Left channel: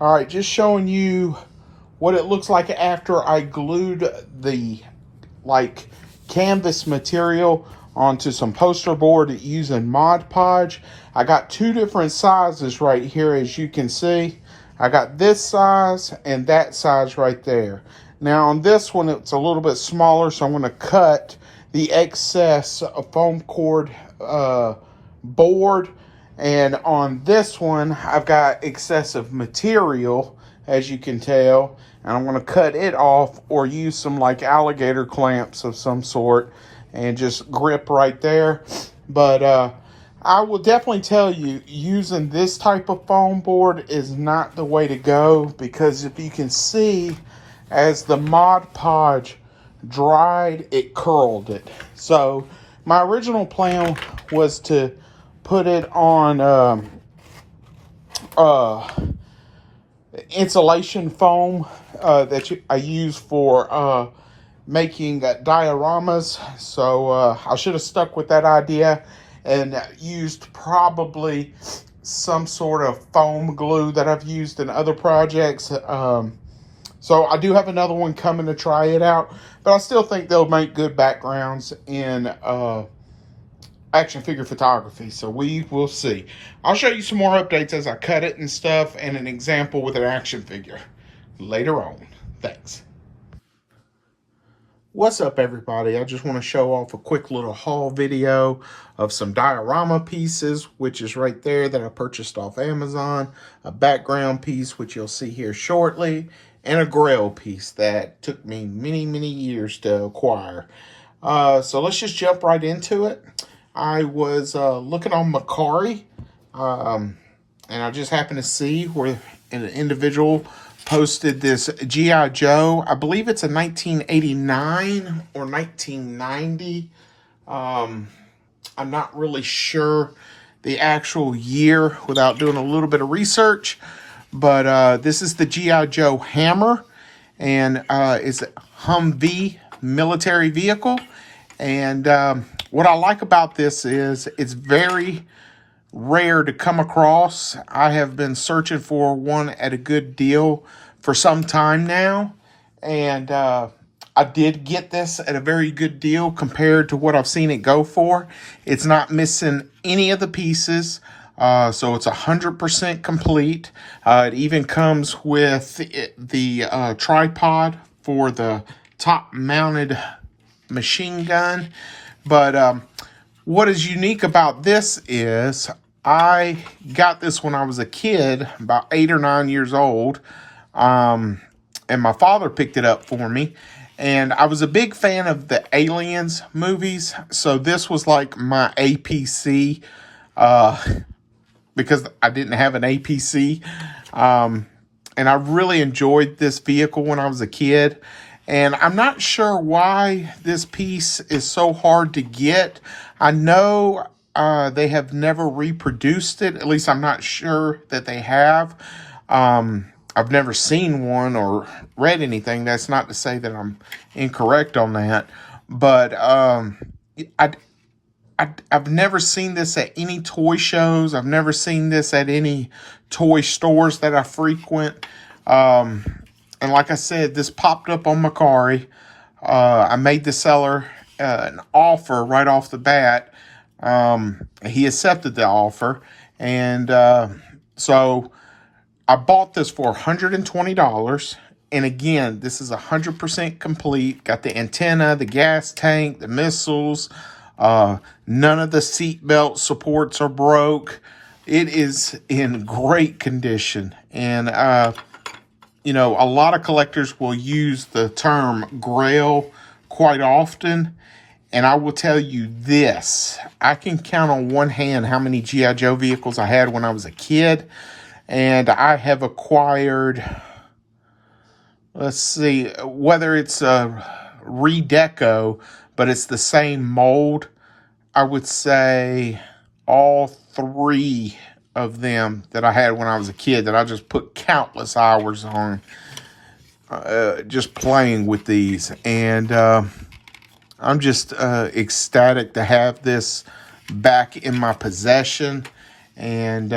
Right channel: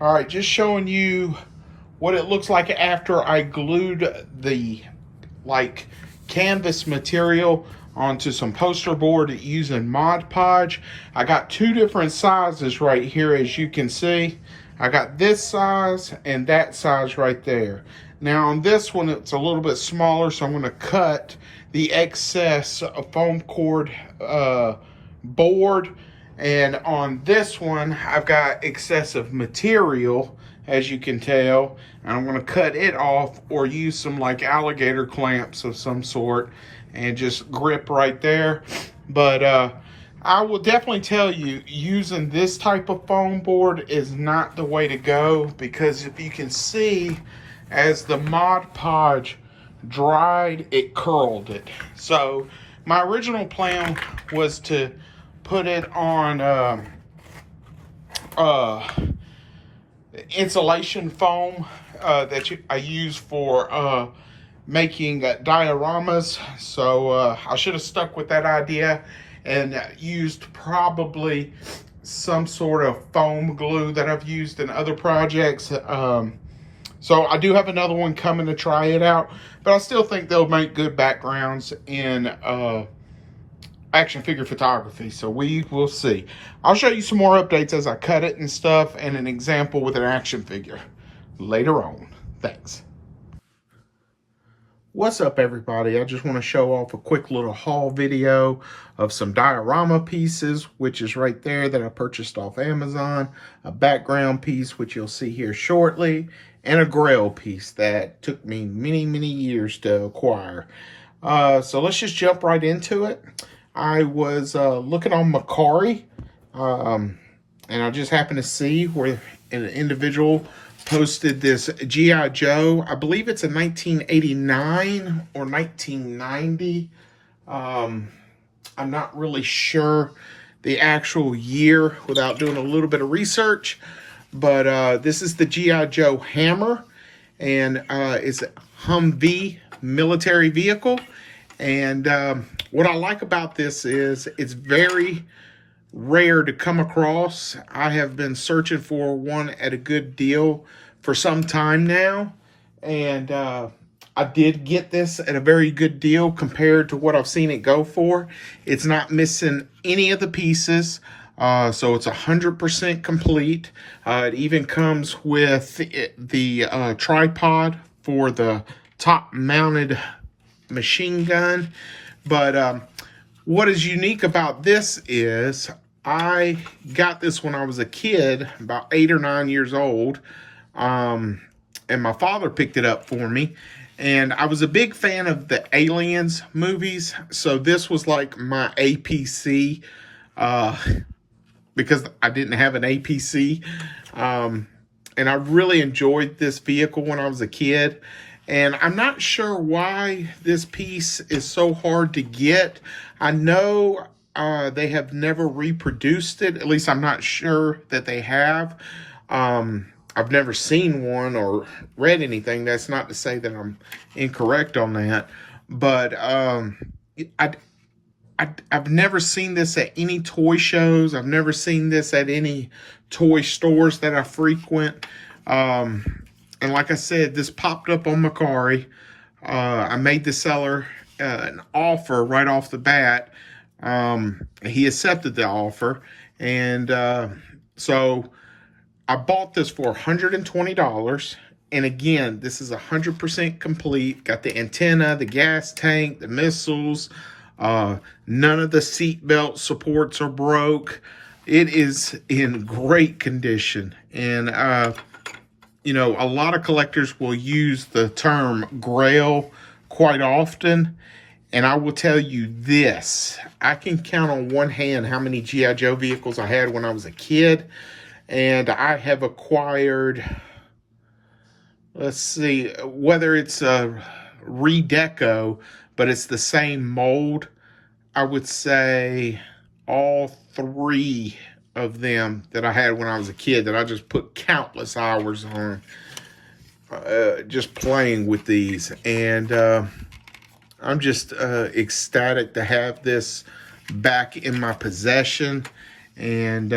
All right, just showing you what it looks like after I glued the canvas material onto some poster board using Mod Podge. I got two different sizes right here, as you can see. I got this size and that size right there. Now on this one, it's a little bit smaller, so I'm going to cut the excess foam cord board. And on this one, I've got excessive material, as you can tell. And I'm going to cut it off or use some like alligator clamps of some sort and just grip right there. But I will definitely tell you, using this type of foam board is not the way to go, because if you can see, as the Mod Podge dried, it curled it. So my original plan was to put it on insulation foam that I use for making dioramas. So I should have stuck with that idea and used probably some sort of foam glue that I've used in other projects. So I do have another one coming to try it out, but I still think they'll make good backgrounds in action figure photography. So we will see. I'll show you some more updates as I cut it and stuff, and an example with an action figure later on. Thanks. What's up, everybody? I just want to show off a quick little haul video of some diorama pieces, which is right there, that I purchased off Amazon, a background piece, which you'll see here shortly, and a Grail piece that took me many years to acquire. So let's just jump right into it. I was looking on Mercari, and I just happened to see where an individual posted this G.I. Joe. I believe it's a 1989 or 1990. I'm not really sure the actual year without doing a little bit of research. But this is the G.I. Joe hammer, and it's a Humvee military vehicle. And what I like about this is it's very rare to come across. I have been searching for one at a good deal for some time now, and I did get this at a very good deal compared to what I've seen it go for. It's not missing any of the pieces, so it's 100% complete. It even comes with the tripod for the top mounted machine gun. But what is unique about this is I got this when I was a kid, about 8 or 9 years old, and my father picked it up for me. And I was a big fan of the Aliens movies, so this was like my APC, because I didn't have an APC. And I really enjoyed this vehicle when I was a kid. And I'm not sure why this piece is so hard to get. I know they have never reproduced it. At least I'm not sure that they have. I've never seen one or read anything. That's not to say that I'm incorrect on that. But I've never seen this at any toy shows. I've never seen this at any toy stores that I frequent. And like I said, this popped up on Mercari. I made the seller an offer right off the bat. He accepted the offer. And so I bought this for $120. And again, this is 100% complete. Got the antenna, the gas tank, the missiles. None of the seatbelt supports are broke. It is in great condition. And you know, a lot of collectors will use the term Grail quite often. And I will tell you this, I can count on one hand how many G.I. Joe vehicles I had when I was a kid. And I have acquired, let's see, whether it's a redeco, but it's the same mold, I would say all three of them that I had when I was a kid that I just put countless hours on just playing with these. And I'm just ecstatic to have this back in my possession. And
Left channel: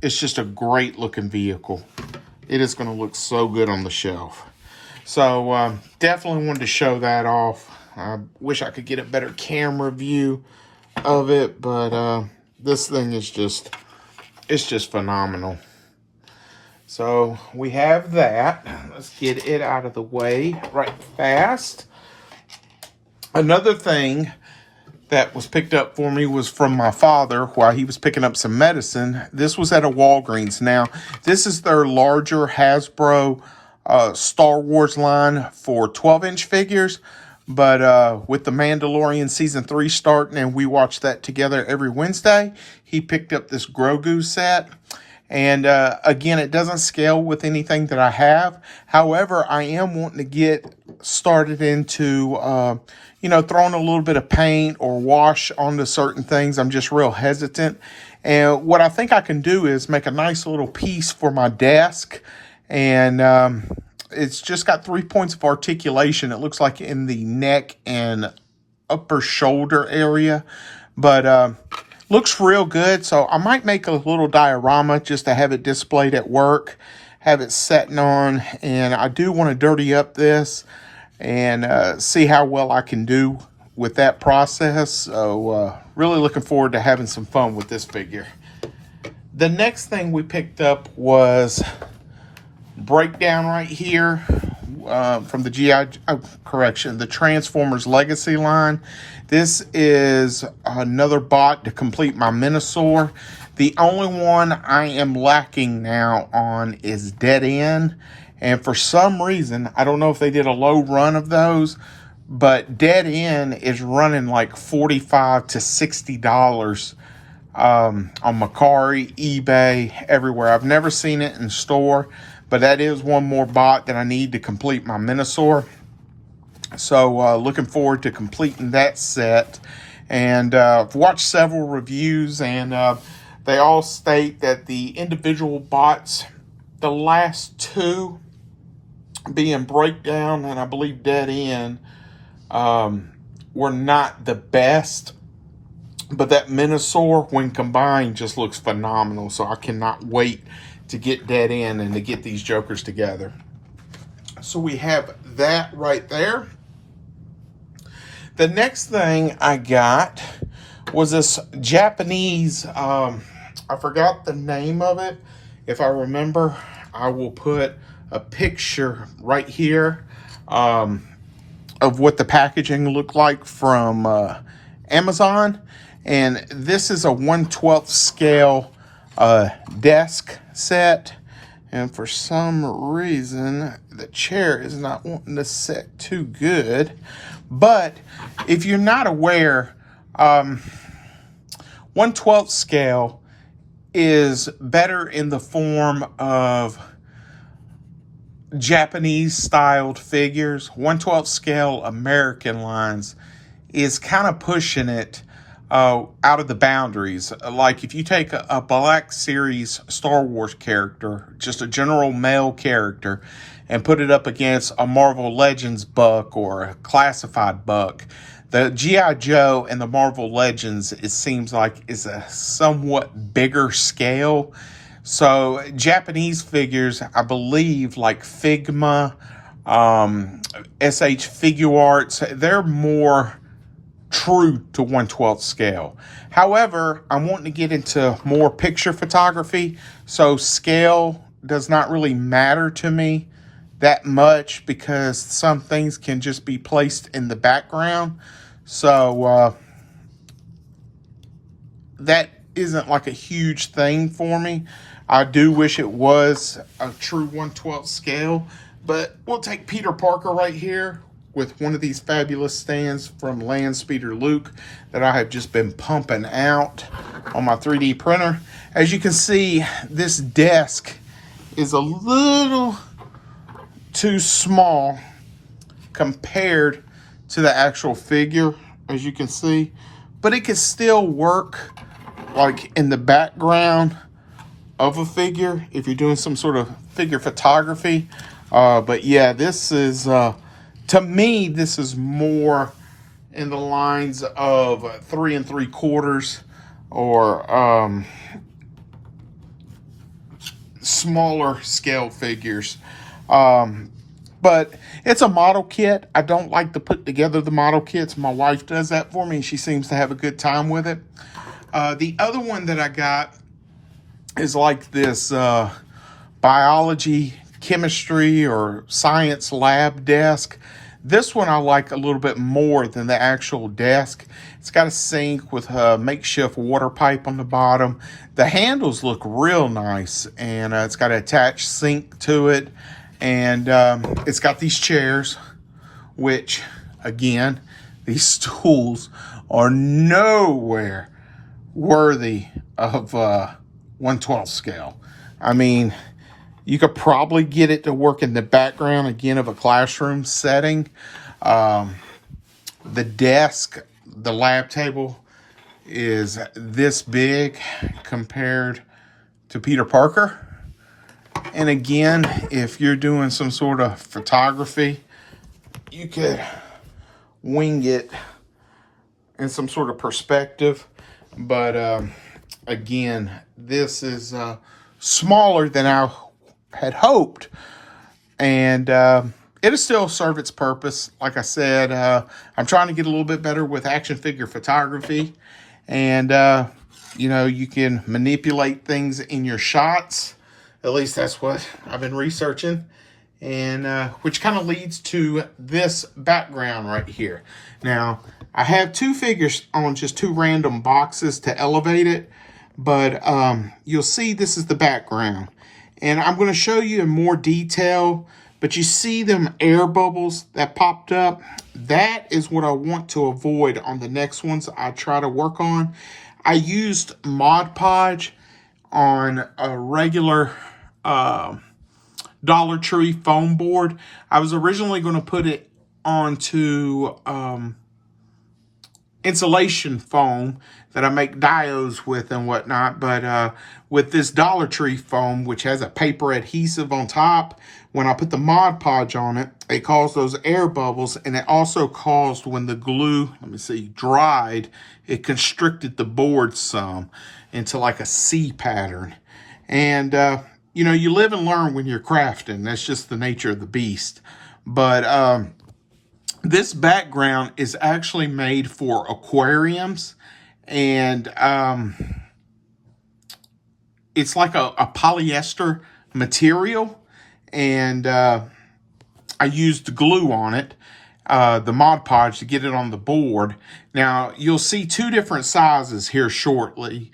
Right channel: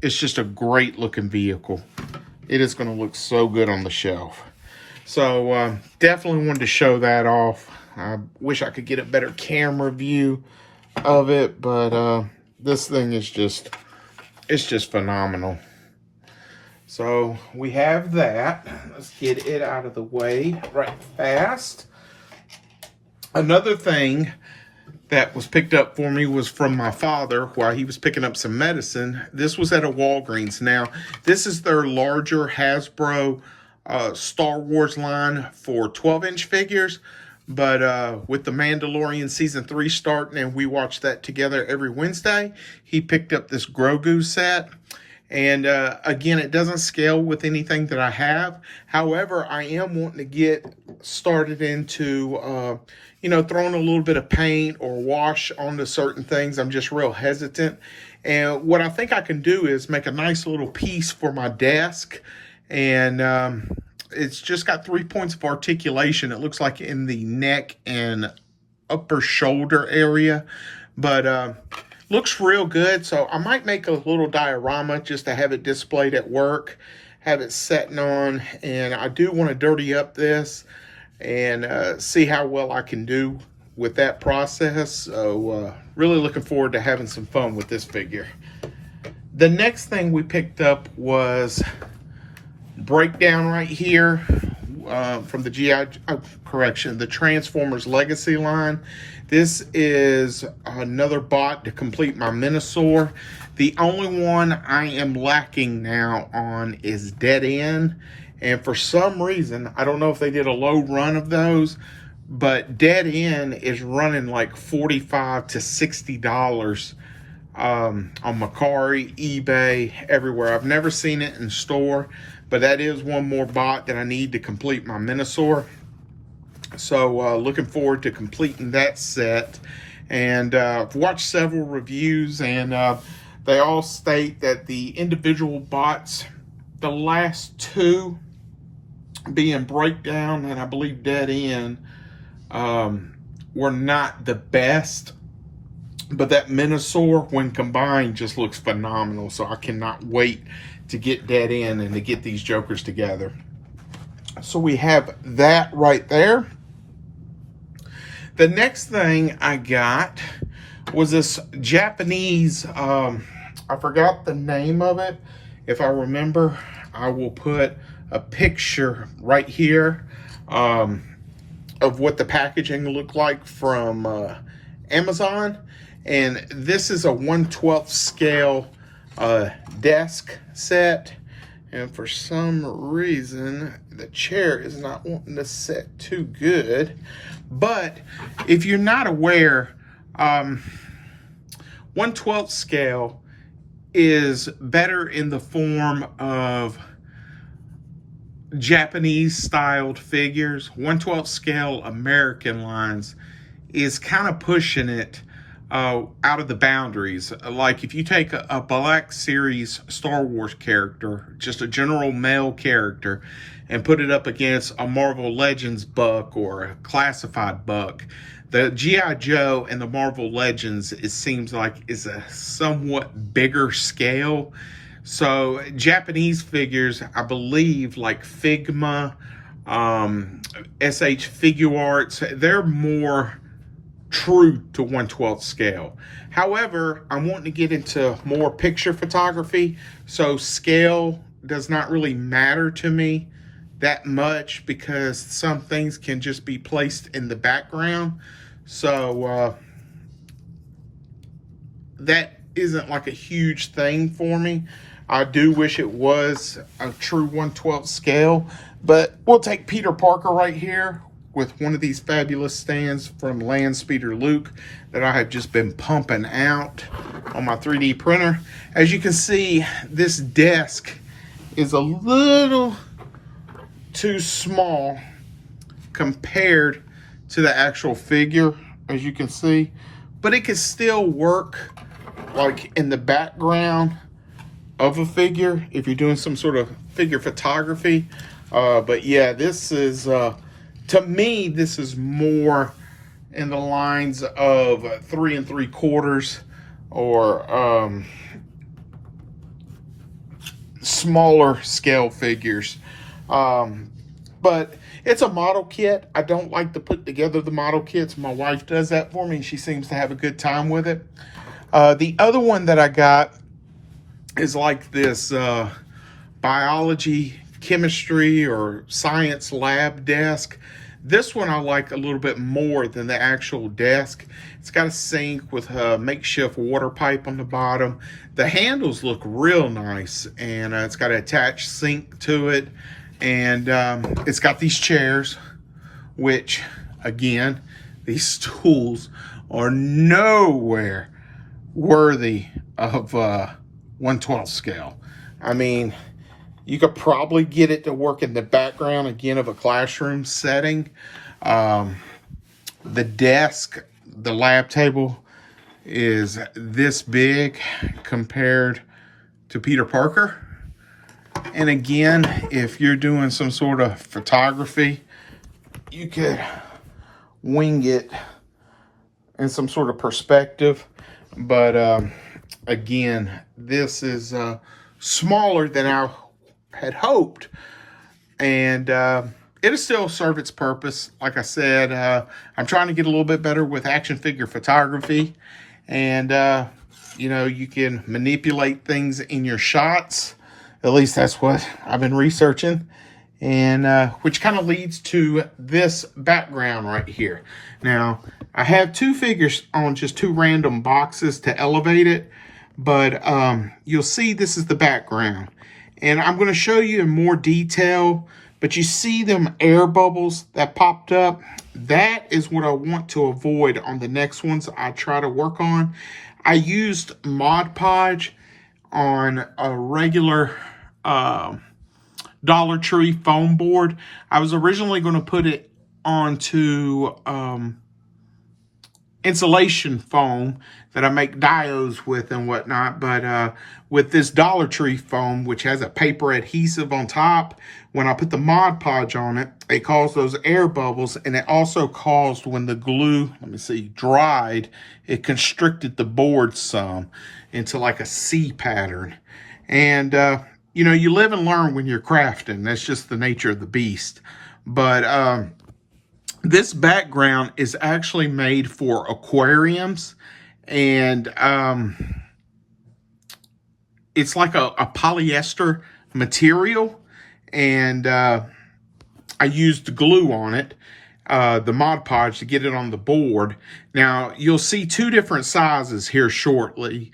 it's just a great looking vehicle. it is going to look so good on the shelf. So definitely wanted to show that off. I wish I could get a better camera view of it, but this thing is it's just phenomenal. So we have that. Let's get it out of the way right fast. Another thing that was picked up for me was from my father while he was picking up some medicine. This was at a Walgreens. Now, this is their larger Hasbro Star Wars line for 12-inch figures. But with The Mandalorian Season 3 starting, and we watch that together every Wednesday, he picked up this Grogu set. And again, it doesn't scale with anything that I have. However, I am wanting to get started into, throwing a little bit of paint or wash onto certain things. I'm just real hesitant. And what I think I can do is make a nice little piece for my desk. And it's just got 3 points of articulation. It looks like in the neck and upper shoulder area. But looks real good, so I might make a little diorama just to have it displayed at work, have it setting on, and I do want to dirty up this and see how well I can do with that process. So really looking forward to having some fun with this figure. The next thing we picked up was breakdown right here from the the Transformers Legacy line. This is another bot to complete my Minosaur. The only one I am lacking now on is Dead End. And for some reason, I don't know if they did a low run of those, but Dead End is running like $45 to $60 on Mercari, eBay, everywhere. I've never seen it in store, but that is one more bot that I need to complete my Minosaur. So looking forward to completing that set. And I've watched several reviews, and they all state that the individual bots, the last two being Breakdown and I believe Dead End, were not the best. But that Minosaur, when combined, just looks phenomenal. So I cannot wait to get Dead End and to get these Jokers together. So we have that right there. The next thing I got was this Japanese, I forgot the name of it. If I remember, I will put a picture right here of what the packaging looked like from Amazon. And this is a 1/12 scale desk set. And for some reason, the chair is not wanting to sit too good. But if you're not aware, 1/12 scale is better in the form of Japanese styled figures. 1/12 scale American lines is kind of pushing it out of the boundaries. Like if you take a Black Series Star Wars character, just a general male character, and put it up against a Marvel Legends buck or a classified buck, the G.I. Joe and the Marvel Legends, it seems like, is a somewhat bigger scale. So Japanese figures, I believe, like Figma, SH Figure Arts, they're more true to 1/12 scale. However, I'm wanting to get into more picture photography, so scale does not really matter to me that much because some things can just be placed in the background. So that isn't like a huge thing for me. I do wish it was a true 1/12 scale, but we'll take Peter Parker right here with one of these fabulous stands from Land Speeder Luke that I have just been pumping out on my 3D printer. As you can see, this desk is a little too small compared to the actual figure, as you can see, but it can still work like in the background of a figure if you're doing some sort of figure photography. But yeah, this is to me, this is more in the lines of 3 3/4 or smaller scale figures. But it's a model kit. I don't like to put together the model kits. My wife does that for me, and she seems to have a good time with it. The other one that I got is like this biology, chemistry, or science lab desk. This one I like a little bit more than the actual desk. It's got a sink with a makeshift water pipe on the bottom. The handles look real nice, and it's got an attached sink to it. And it's got these chairs, which, again, these stools are nowhere worthy of 1/12 scale. I mean, you could probably get it to work in the background, again, of a classroom setting. The desk, the lab table, is this big compared to Peter Parker. And again, if you're doing some sort of photography, you could wing it in some sort of perspective. But again, this is smaller than I had hoped. And it'll still serve its purpose. Like I said, I'm trying to get a little bit better with action figure photography. And, you know, you can manipulate things in your shots. At least that's what I've been researching. And which kind of leads to this background right here. Now, I have two figures on just two random boxes to elevate it. But you'll see this is the background. And I'm going to show you in more detail. But you see them air bubbles that popped up? That is what I want to avoid on the next ones I try to work on. I used Mod Podge on a regular Dollar Tree foam board. I was originally going to put it onto insulation foam that I make diodes with and whatnot. But with this Dollar Tree foam, which has a paper adhesive on top, when I put the Mod Podge on it, it caused those air bubbles. And it also caused, when the glue, dried, it constricted the board some into like a C pattern. And, you know, you live and learn when you're crafting. That's just the nature of the beast. But this background is actually made for aquariums. And it's like a polyester material. And I used glue on it, the Mod Podge, to get it on the board. Now, you'll see two different sizes here shortly.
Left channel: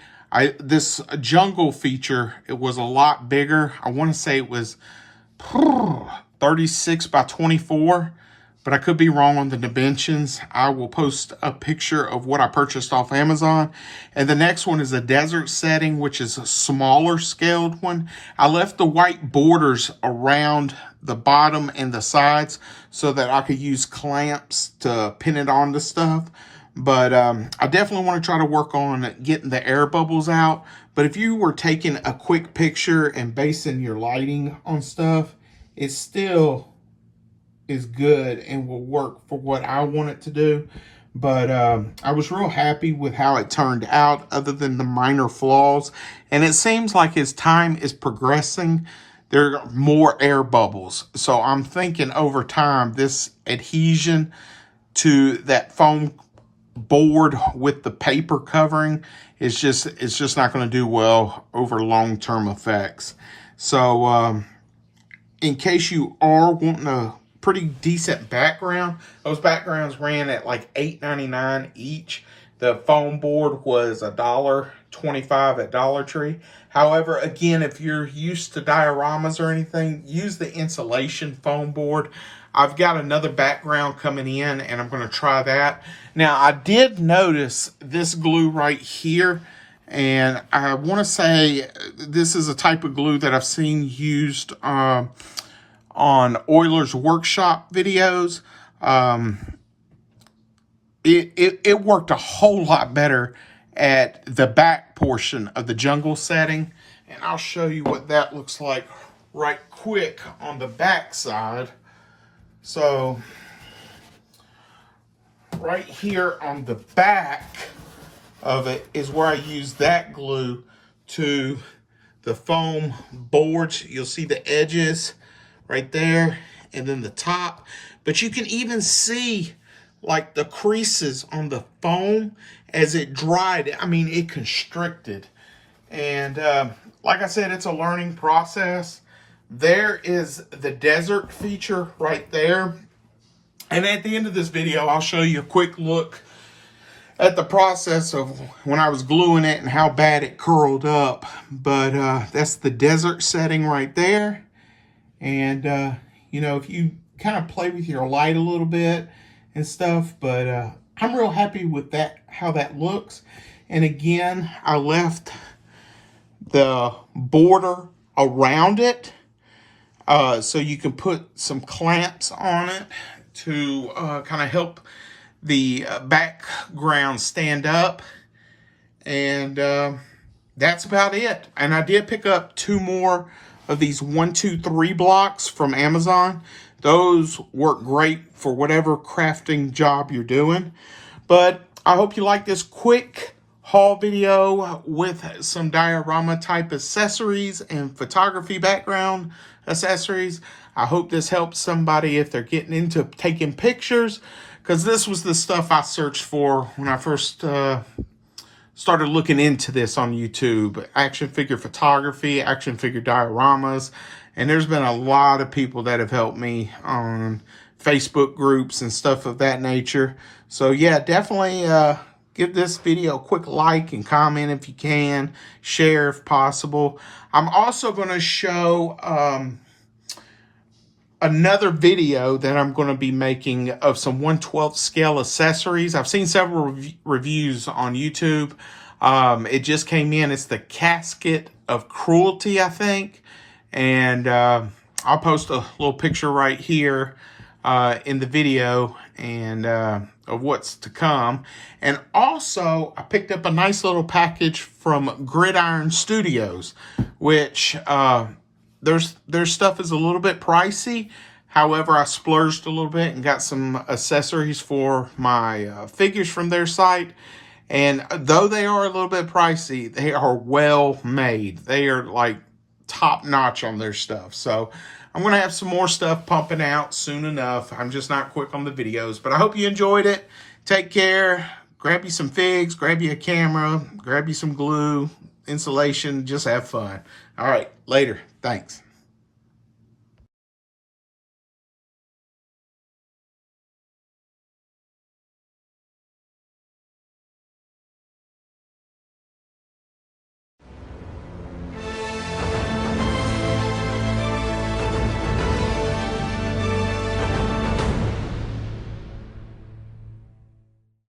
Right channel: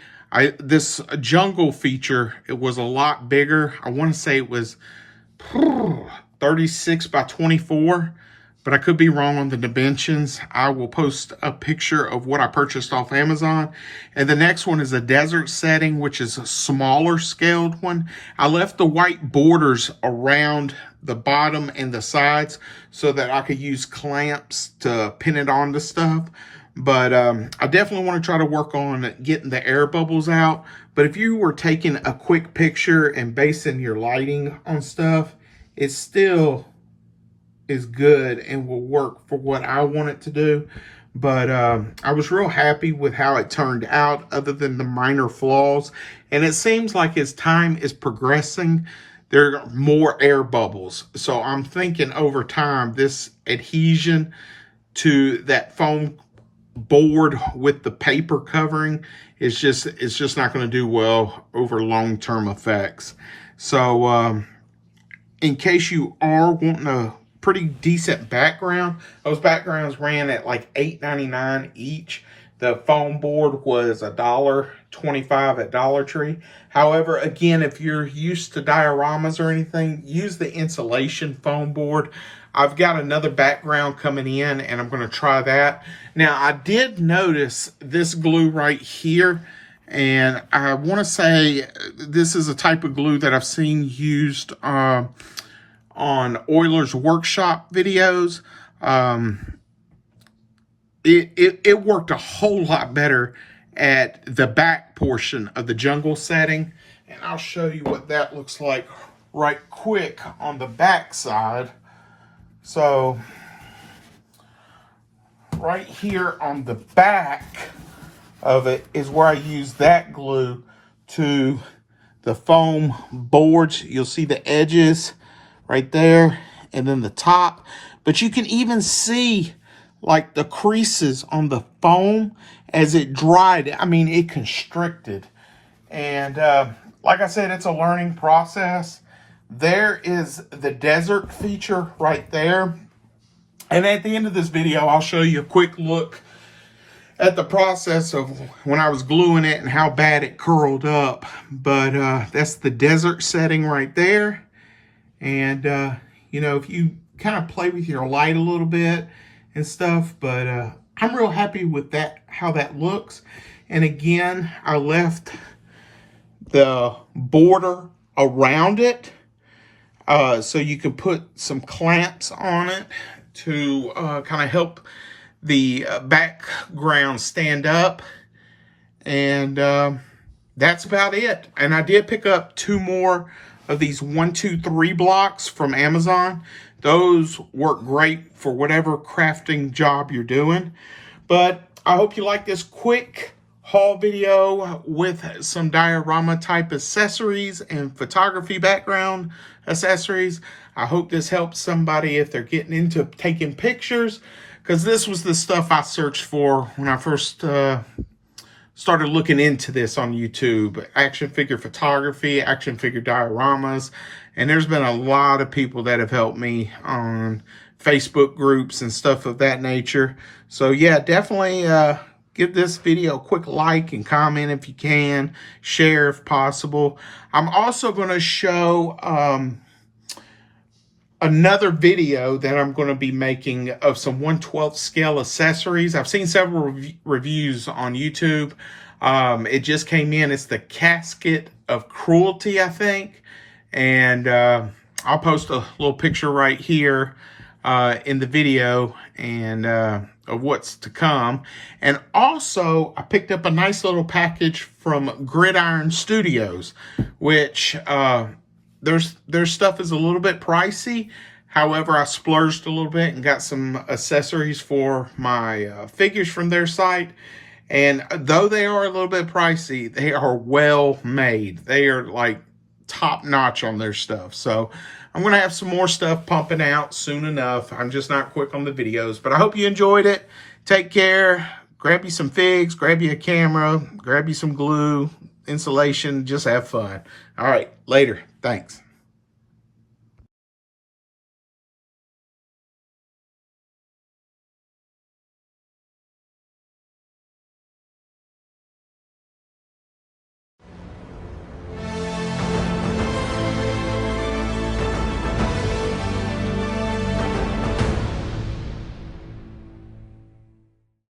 This jungle feature, it was a lot bigger. I want to say it was 36 by 24, but I could be wrong on the dimensions. I will post a picture of what I purchased off Amazon. And the next one is a desert setting, which is a smaller scaled one. I left the white borders around the bottom and the sides so that I could use clamps to pin it onto stuff. But I definitely want to try to work on getting the air bubbles out. But if you were taking a quick picture and basing your lighting on stuff, it still is good and will work for what I want it to do. But I was real happy with how it turned out, other than the minor flaws. And it seems like as time is progressing, there are more air bubbles. So I'm thinking over time, this adhesion to that foam board with the paper covering is just not going to do well over long-term effects. So in case you are wanting a pretty decent background, those backgrounds ran at like $8.99 each. The foam board was $1.25 at Dollar Tree. However, again, if you're used to dioramas or anything, use the insulation foam board. I've got another background coming in, and I'm going to try that. Now, I did notice this glue right here, and I want to say this is a type of glue that I've seen used on Oiler's Workshop videos. It worked a whole lot better at the back portion of the jungle setting. And I'll show you what that looks like right quick on the back side. So right here on the back of it is where I use that glue to the foam boards. You'll see the edges right there and then the top. But you can even see like the creases on the foam as it dried. I mean, it constricted. And like I said, it's a learning process. There is the desert feature right there. And at the end of this video, I'll show you a quick look at the process of when I was gluing it and how bad it curled up. But that's the desert setting right there. And, you know, if you kind of play with your light a little bit and stuff, but I'm real happy with that, how that looks. And again, I left the border around it so you can put some clamps on it to kind of help the background stand up. And that's about it. And I did pick up 2 more of these 1, 2, 3 blocks from Amazon. Those work great for whatever crafting job you're doing. But I hope you like this quick haul video with some diorama type accessories and photography background accessories. I hope this helps somebody if they're getting into taking pictures, because this was the stuff I searched for when I first started looking into this on YouTube. Action figure photography, action figure dioramas. And there's been a lot of people that have helped me on Facebook groups and stuff of that nature. So yeah, definitely give this video a quick like and comment if you can. Share if possible. I'm also going to show another video that I'm going to be making of some 1/12 scale accessories. I've seen several reviews on YouTube. It just came in. It's the Casket of Cruelty, I think. And I'll post a little picture right here in the video and of what's to come. And also, I picked up a nice little package from Gridiron Studios, which their stuff is a little bit pricey. However, I splurged a little bit and got some accessories for my figures from their site. And though they are a little bit pricey, they are well made. They are like top notch on their stuff. So I'm going to have some more stuff pumping out soon enough. I'm just not quick on the videos, but I hope you enjoyed it. Take care. Grab you some figs, grab you a camera, grab you some glue, insulation, just have fun. All right, later. Thanks.